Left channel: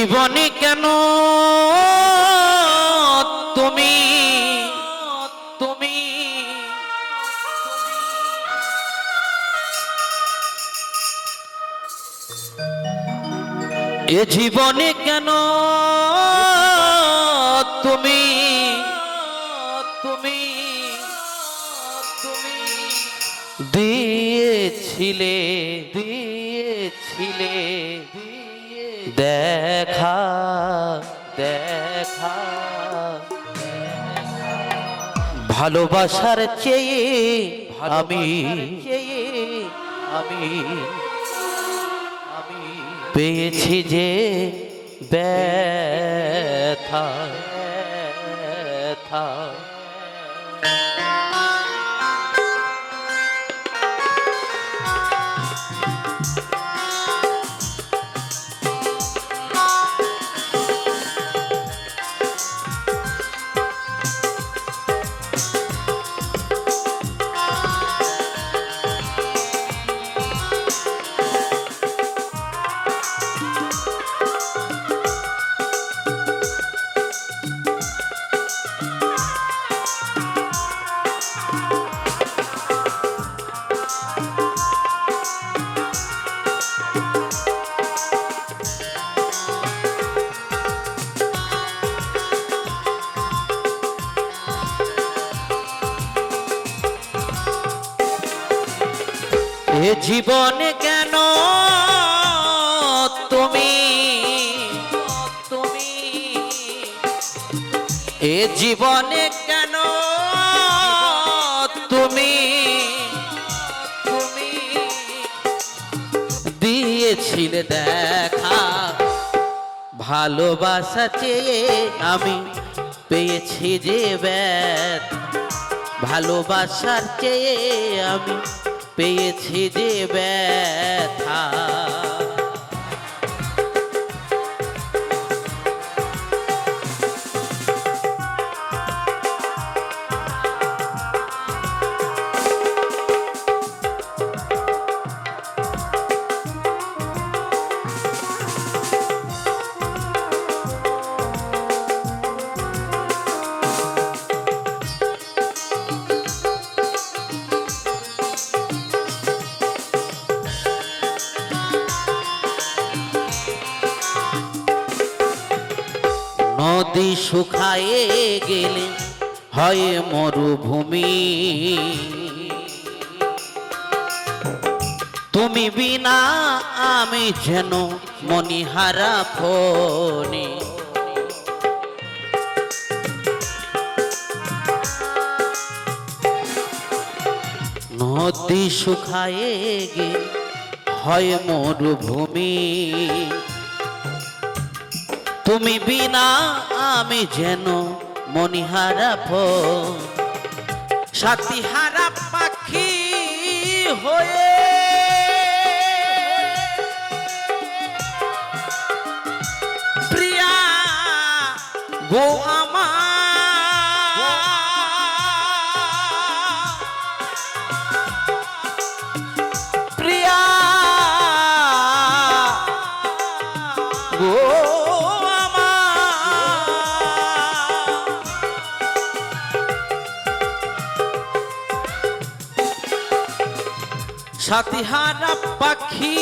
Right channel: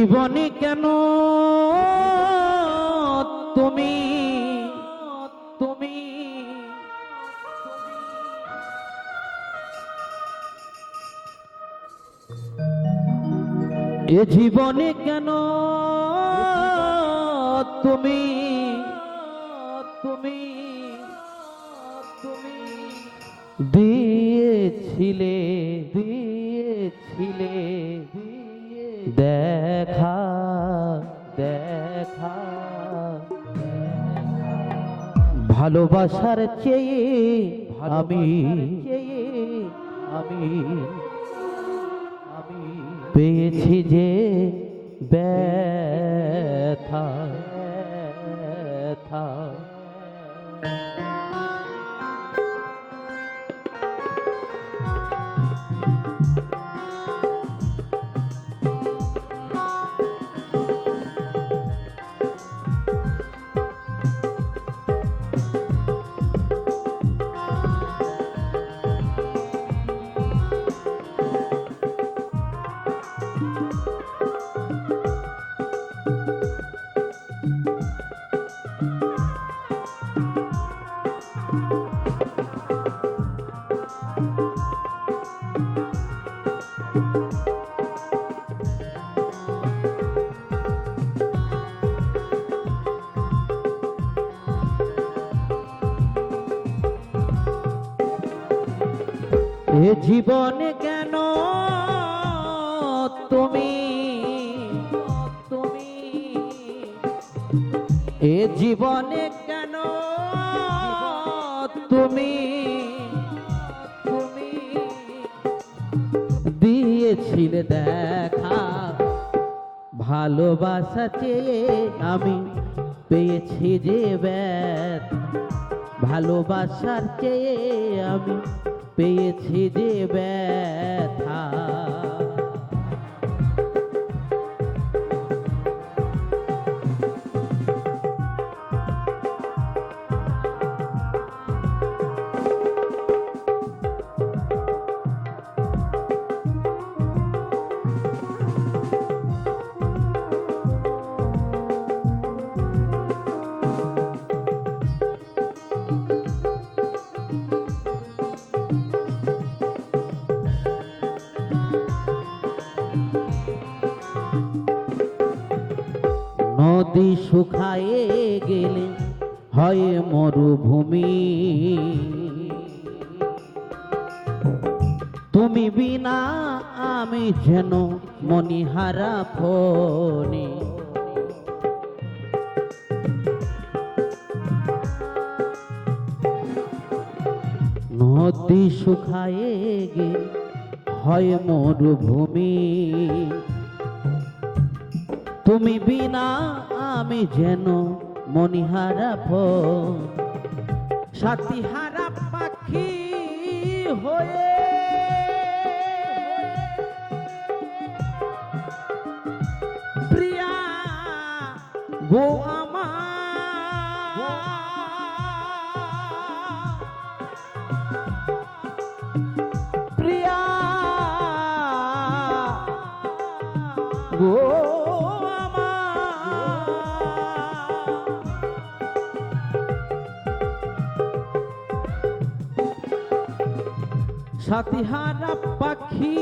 জীবনে কেন? তুমি তুমি এ জীবনে কেন? তুমি তুমি তুমি। দিয়েছিলে দিয়েছিলে দেখা দেখা। ভালোবাসার চেয়ে আমি আমি আমি পেয়েছি যে ব্যথা। ব্যথা। এ জীবনে কেন তুমি? তুমি? এ জীবনে কেন তুমি? তুমি? দিয়েছিলে দেখা, ভালোবাসা চেয়ে আমি পেয়েছি যে ব্যথ। ভালোবাসার চেয়ে আমি পেয়েছি যে ব্যথা। নদী শুকায়ে গেলে হয় মরুভূমি। তুমি বিনা আমি যেন মনিহারা ফনি। নদী শুকায়ে গেলে হয় মরুভূমি। তুমি বিনা আমি যেন মনিহারা সাথীহারা পাখি হয়ে প্রিয়া গো প্রিয়া গো সাতিহারা পাখি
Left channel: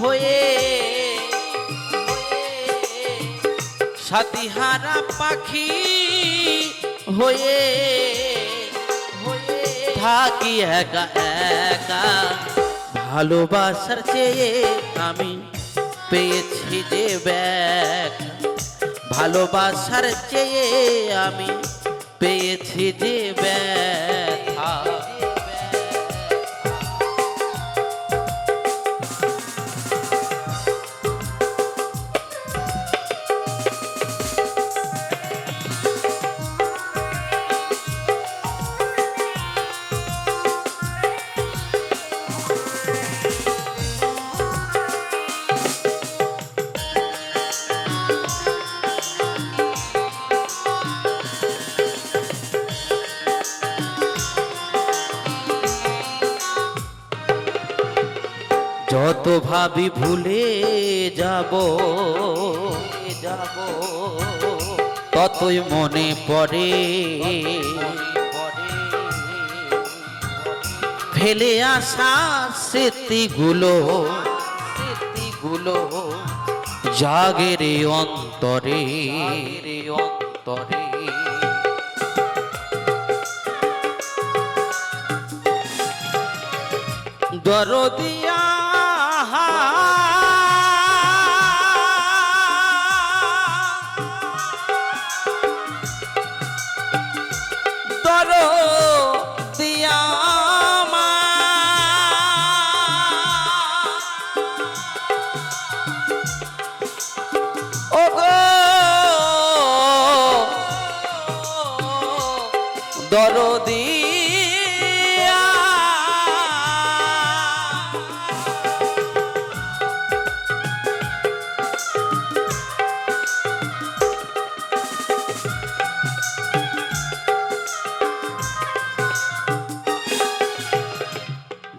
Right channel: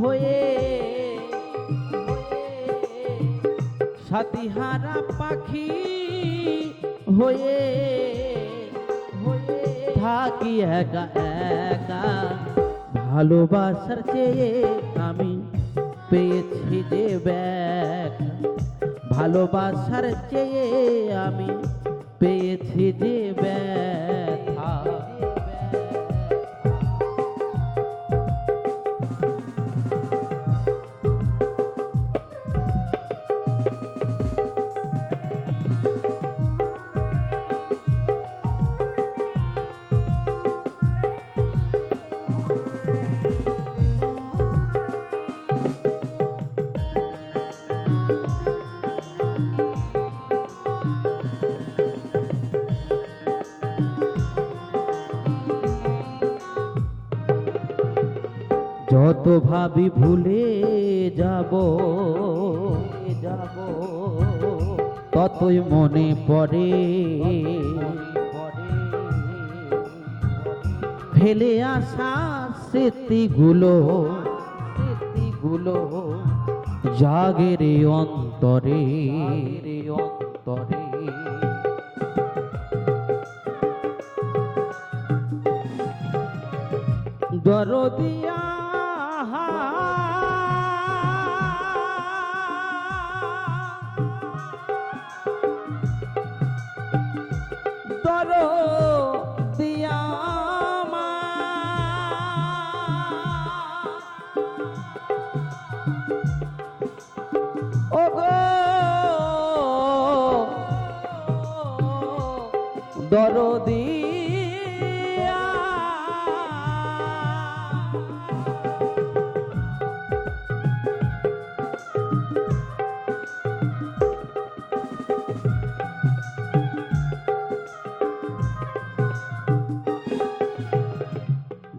হয়ে সাতিহারা পাখি হয়ে হয়ে থাকি একা একা ভালোবাসার চেয়ে আমি পেয়েছি যে ব্যাগ ভালোবাসার চেয়ে আমি পেয়েছি যে ব্যথা যত ভাবি ভুলে যাব যাব, ততই মনে পড়ে, ফেলে আসা স্মৃতিগুলো স্মৃতিগুলো জাগে রে অন্তরে অন্তরে। দরদিয়া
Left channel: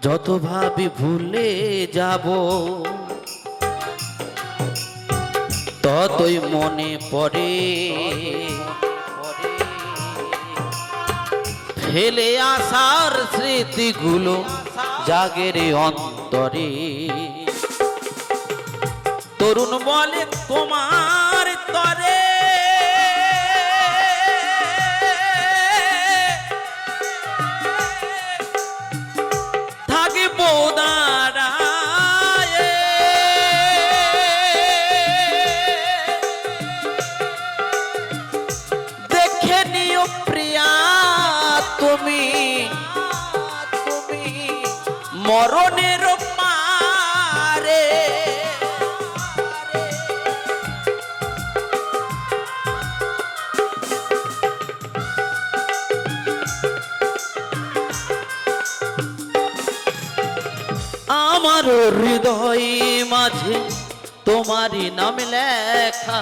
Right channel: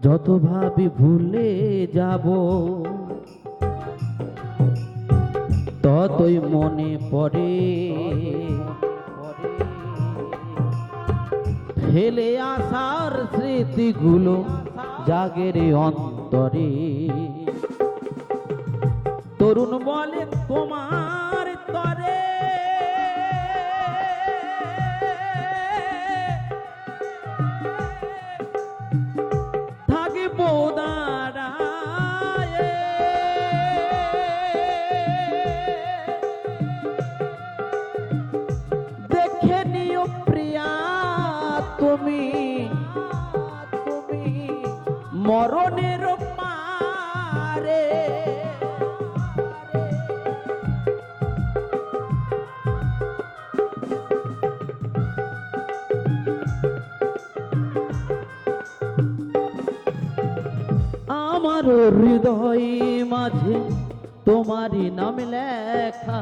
যত ভাবি ভুলে যাব, ততই মনে পড়ে। ফেলে আসার স্মৃতিগুলো জাগের অন্তরে। তরুণ বলে, তোমার তুমি তুমি মরণের মারে আমার হৃদয় মাঝে তোমারই নাম লেখা।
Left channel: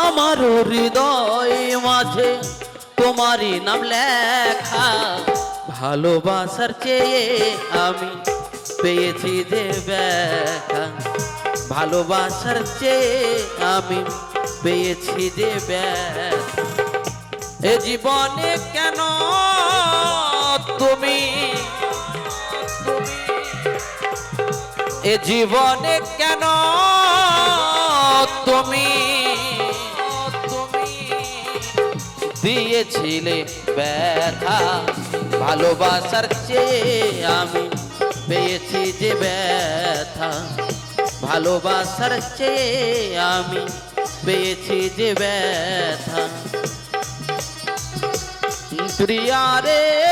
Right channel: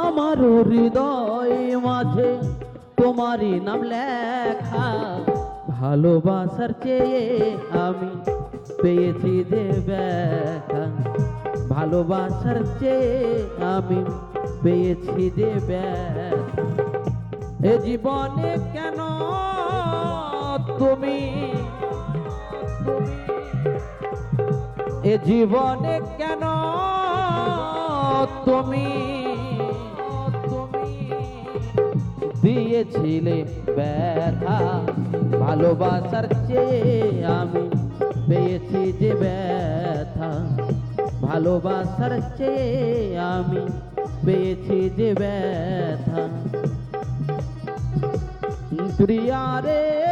আমার হৃদয় মাঝে তোমারই নাম লেখা। ভালোবাসার চেয়ে আমি পেয়েছি যে ভালোবাসার চেয়ে আমি পেয়েছি যে এ জীবনে কেন তুমি? এ জীবনে কেন তুমি? দিয়েছিলে ব্যথা। ভালোবাসার চেয়ে আমি পেয়েছি যে ব্যথা। ভালোবাসার চেয়ে আমি পেয়েছি যে ব্যথা। প্রিয়া রে